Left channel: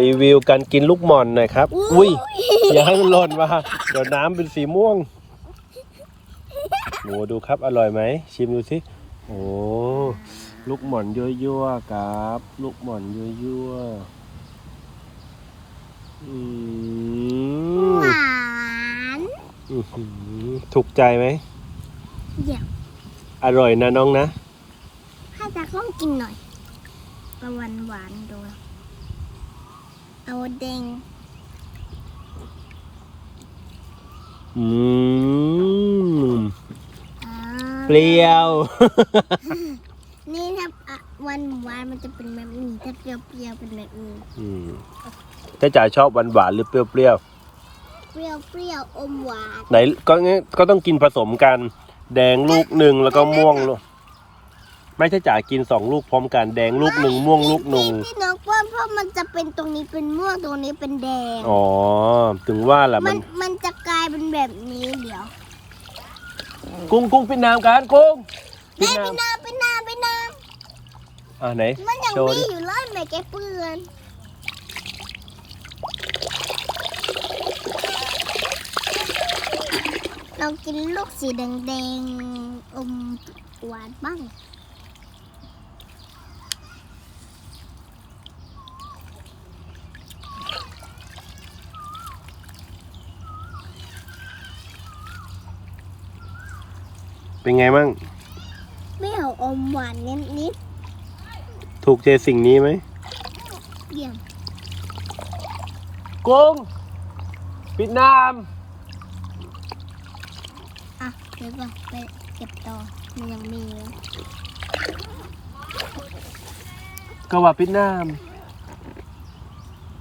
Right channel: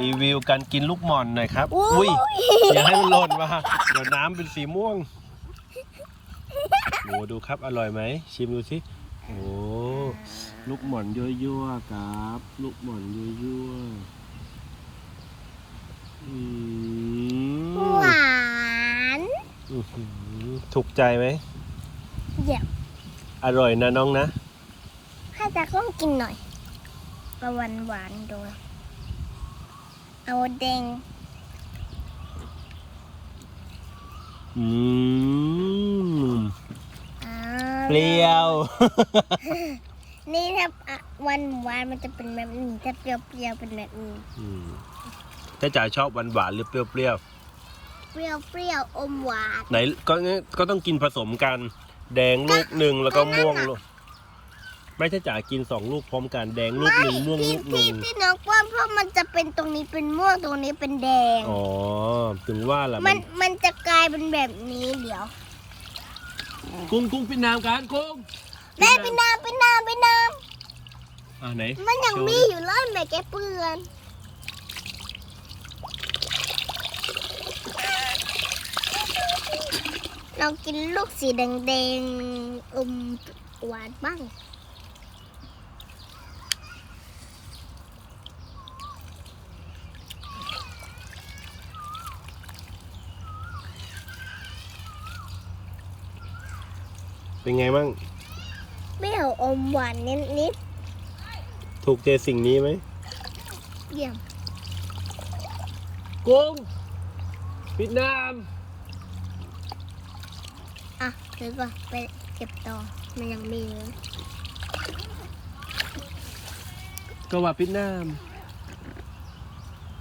รีวิวการกินลูกหม่อนหน่อยครับ อุ้ยอย่าให้มันหล่นมาเดี๋ยวน้ำเป็นสีม่วงโหดูครับอร่อยไหมชิมดูสิโอ้ลูกหม่อนยั่วๆครับ ลูกหม่อนยั่วๆอืมหวานอื้อหือถูกใจไหมเดี๋ยวอร่อยนะน้องนะให้ตาข้องกินหน่อยเอาหวานหวานๆดู เอาแดงอืมอ่าเปรี้ยว นี่ถ้าอะหวานหวานมันจะเป็นแบบนี้ถ้าเปรี้ยวเปรี้ยวๆเป็นแบบนี้อืมถ้าจ๋าชอบหวานหวานๆหรือเปรี้ยวเปรี้ยวเปรี้ยวอมหวานๆไหนก็งั้นก็ต้องกินผสมกัน แดงลูกหนึ่งแล้วก็ม่วงลูก ไม่ใช่จ๋ากินสองลูกพร้อมกันแดงลูกหนึ่งม่วงลูกหนึ่งที่น้องป้อนเพราะมันจะเป็นตรงนี้เป็นม่วงตรงนี้เป็นแดง อ๋อ ถึงว่าแหละมัมันนมันจะกลายเป็นแบบนี้เดี๋ยวกุ้งกุ้งเป็นน้ำกันกุ้งแม่ไปน้ำไปน้ำไปน้อ่าไหนำมันยังโชว์มีดิอยู่เลยแม่แกเปื้อนลองกินลูกสีแดงๆอมหวานบ้าง เป็นไงมั่งไม่เอาอมหวานนิดถูกใจสิ่งนี้ไหมๆเยี่ยมกุ้งปิดน้อะเดี๋ยวก่อนไปเก็บต่อมันยังมีเลยำก็ว่าปิดน้ำ